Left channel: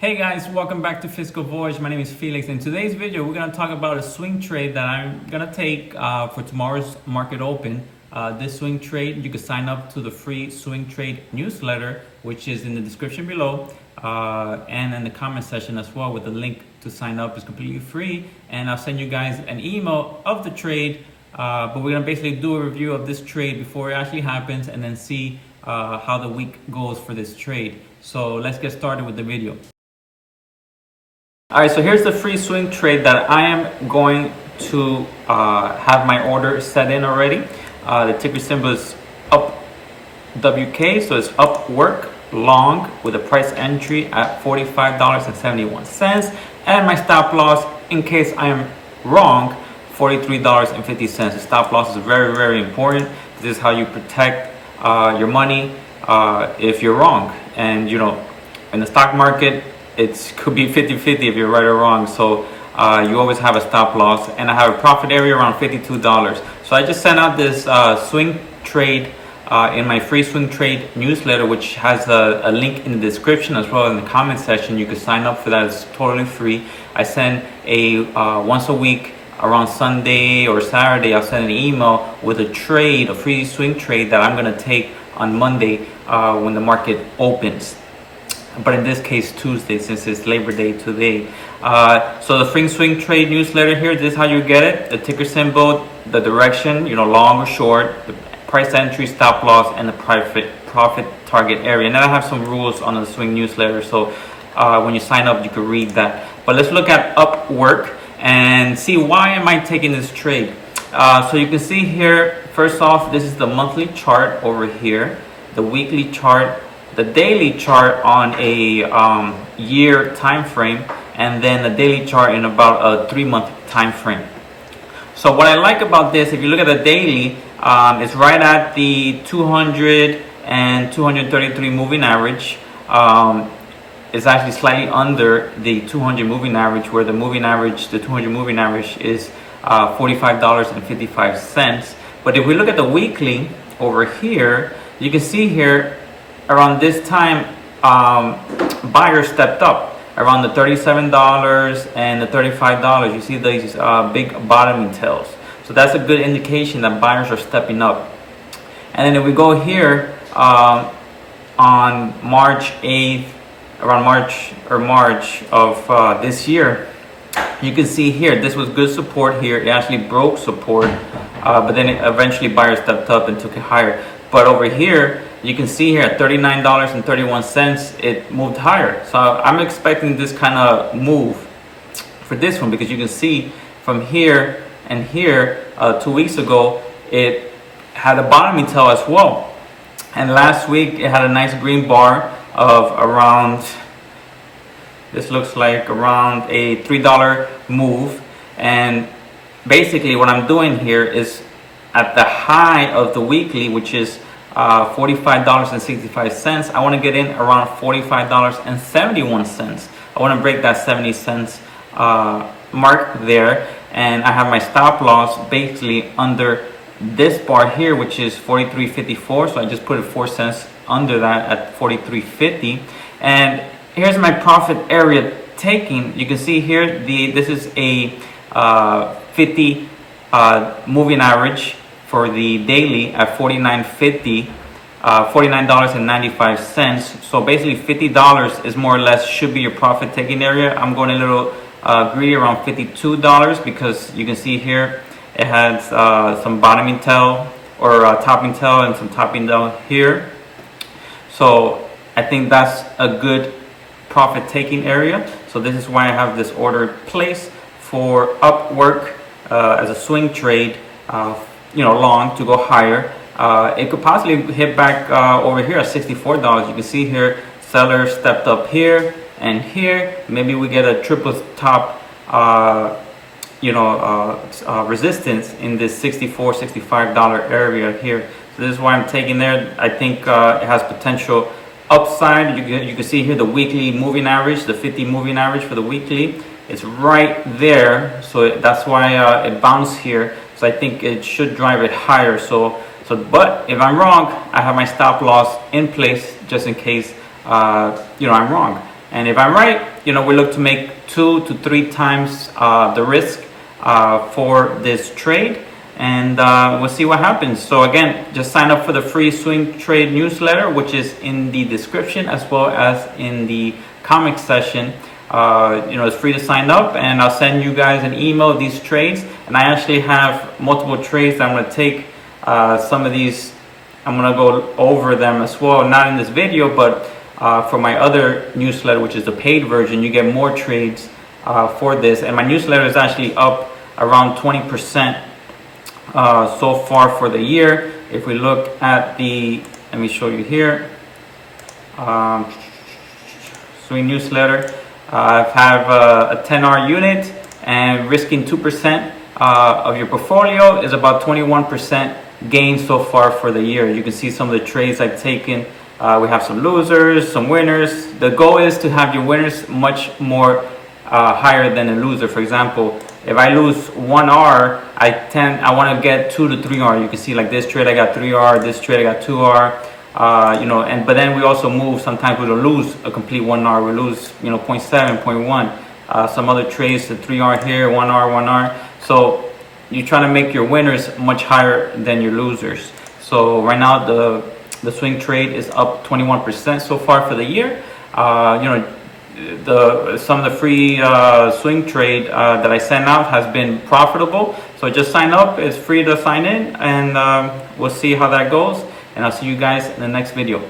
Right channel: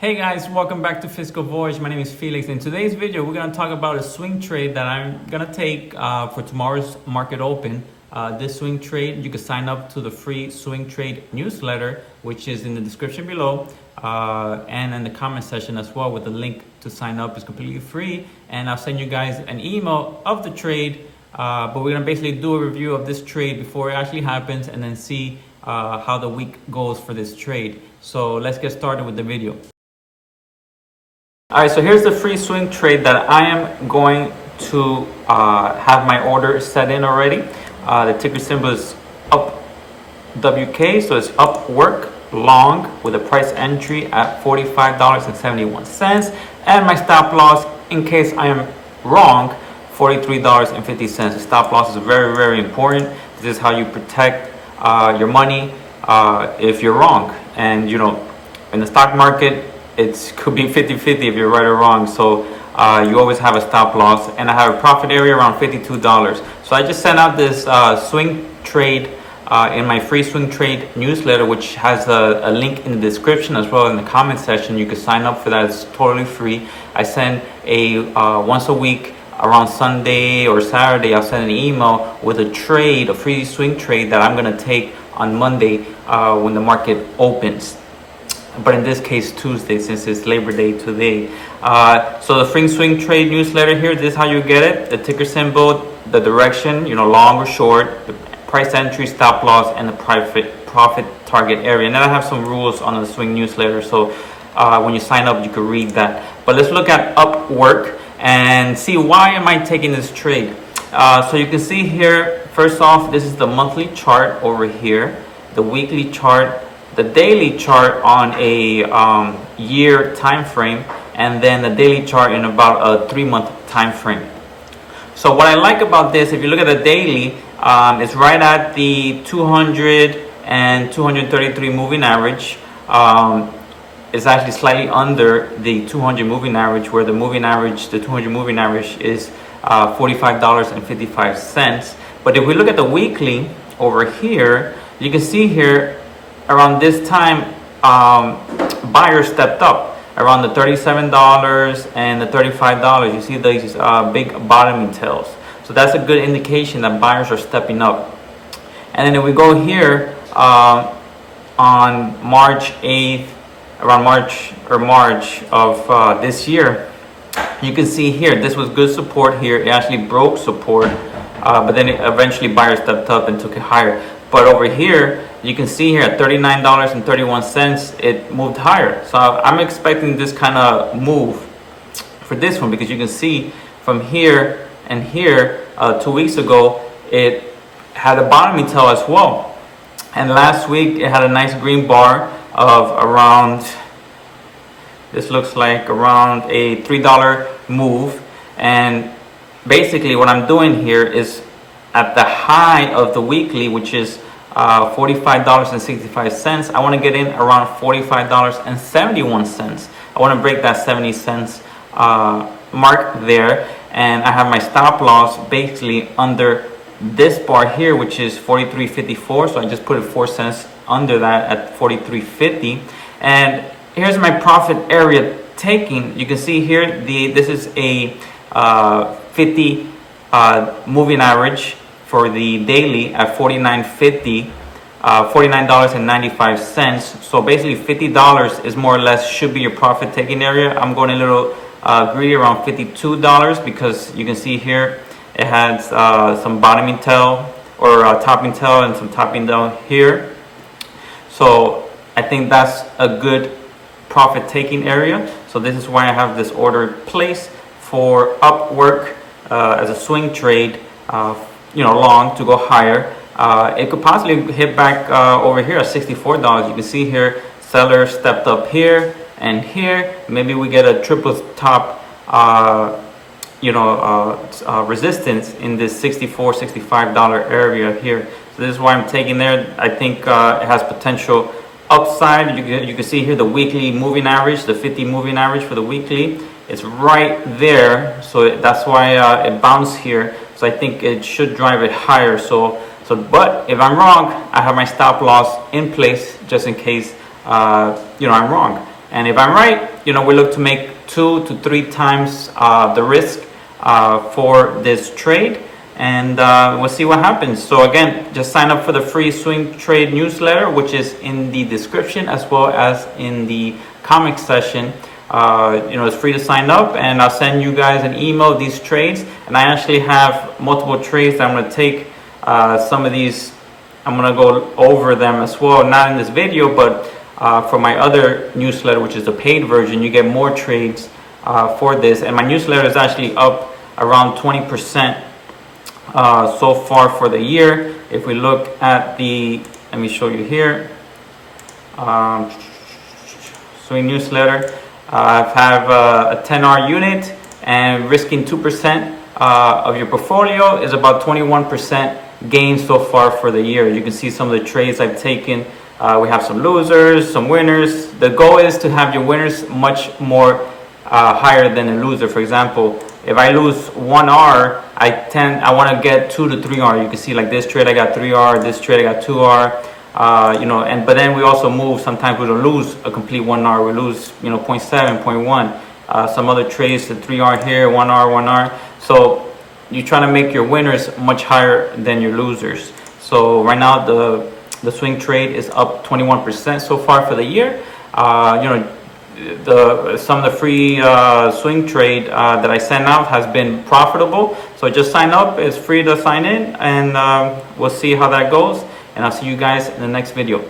Hey guys, welcome back to Fiscal Voyage. My name is Felix. In today's video, we're going to talk about a swing trade that I'm going to take for tomorrow's market open. This swing trade, you can sign up to the free swing trade newsletter, which is in the description below and in the comment section as well, with the link to sign up. It's completely free, and I'll send you guys an email of the trade. But we're going to basically do a review of this trade before it actually happens and then see how the week goes for this trade. So let's get started with the video. All right, so here's the free swing trade that I am going to have my order set in already. The ticker symbol is UPWK, so it's Upwork long with a price entry at $45.71, and my stop loss, in case I am wrong, $43.50. The stop loss is very, very important. This is how you protect your money if you're wrong. And you know, in the stock market, it could be 50-50 if you're right or wrong. So you always have a stop loss. And I have a profit area around $52. So I just sent out this swing trade in my free swing trade newsletter, which has a link in the description as well in the comment section. You can sign up for that. It's totally free. I send a once a week around Sunday or Saturday, I'll send an email with a trade, a free swing trade that I'm going to take on Monday when the market opens. But in this case, Tuesday, since it's Labor Day today. So the free swing trade newsletter here, this is how you get it. The ticker symbol, the direction, you know, long or short, the price entry, stop loss, and the profit target area. And then I have some rules on the swing newsletter. So when you sign up, you can read that. But let's look at Upwork and see why am I taking this trade. So you can see here, first off, this is the monthly chart over here, the weekly chart, the daily chart on a year time frame, and then the daily chart in about a 3-month time frame. So what I like about this, if you look at the daily, it's right at the 200 and 233 moving average. It's actually slightly under the 200 moving average, where the moving average, the 200 moving average is $45.55. But if we look at the weekly over here, you can see here, around this time, buyers stepped up around the $37 and the $35. You see these big bottoming tails. So that's a good indication that buyers are stepping up. And then if we go here on March 8th, around March of this year, you can see here, this was good support here. It actually broke support, but then eventually buyers stepped up and took it higher. But over here, you can see here at $39.31, it moved higher. So I'm expecting this kind of move for this one, because you can see from here and here, 2 weeks ago, it had a bottoming tail as well. And last week, it had a nice green bar of around, this looks like around a $3 move. And basically what I'm doing here is at the high of the weekly, which is $45.65. I want to get in around $45.71. I want to break that 70 cents mark there, and I have my stop loss basically under this bar here, which is 43.54. So I just put it 4 cents under that at 43.50. And here's my profit area taking. You can see here, this is a 50 moving average for the daily at $49.50, $49.95. So basically $50 is more or less should be your profit taking area. I'm going a little greedy around $52, because you can see here it has some bottoming tail or topping tail and some topping down here. So I think that's a good profit taking area. So this is why I have this order placed for Upwork as a swing trade, you know, long to go higher. It could possibly hit back over here at $64. You can see here, sellers stepped up here and here. Maybe we get a triple top, resistance in this $64, $65 area here. So this is why I'm taking there. I think it has potential upside. You can see here the weekly moving average, the 50 moving average for the weekly. It's right there. So that's why it bounced here. So I think it should drive it higher. But if I'm wrong, I have my stop loss in place just in case, I'm wrong. And if I'm right, we look to make 2 to 3 times the risk for this trade, and we'll see what happens. So again, just sign up for the free swing trade newsletter, which is in the description as well as in the comment section. It's free to sign up, and I'll send you guys an email of these trades. And I actually have multiple trades that I'm going to take. Some of these, I'm going to go over them as well, not in this video, but for my other newsletter, which is the paid version, you get more trades for this. And my newsletter is actually up around 20% so far for the year. If we look at let me show you here, swing newsletter. I have a 10R unit, and risking 2% of your portfolio is about 21% gain so far for the year. You can see some of the trades I've taken. We have some losers, some winners. The goal is to have your winners much more higher than a loser. For example, if I lose 1R, I want to get 2 to 3R. You can see like this trade I got 3R, this trade I got 2R. But then we also move. Sometimes we don't lose a complete 1R. We lose 0.7, 0.1. Some other trades, the 3R here, 1R, 1R. So you're trying to make your winners much higher than your losers. So right now the swing trade is up 21% so far for the year. Some of the free swing trade that I sent out has been profitable. So just sign up. It's free to sign in, and we'll see how that goes. And I'll see you guys in the next video.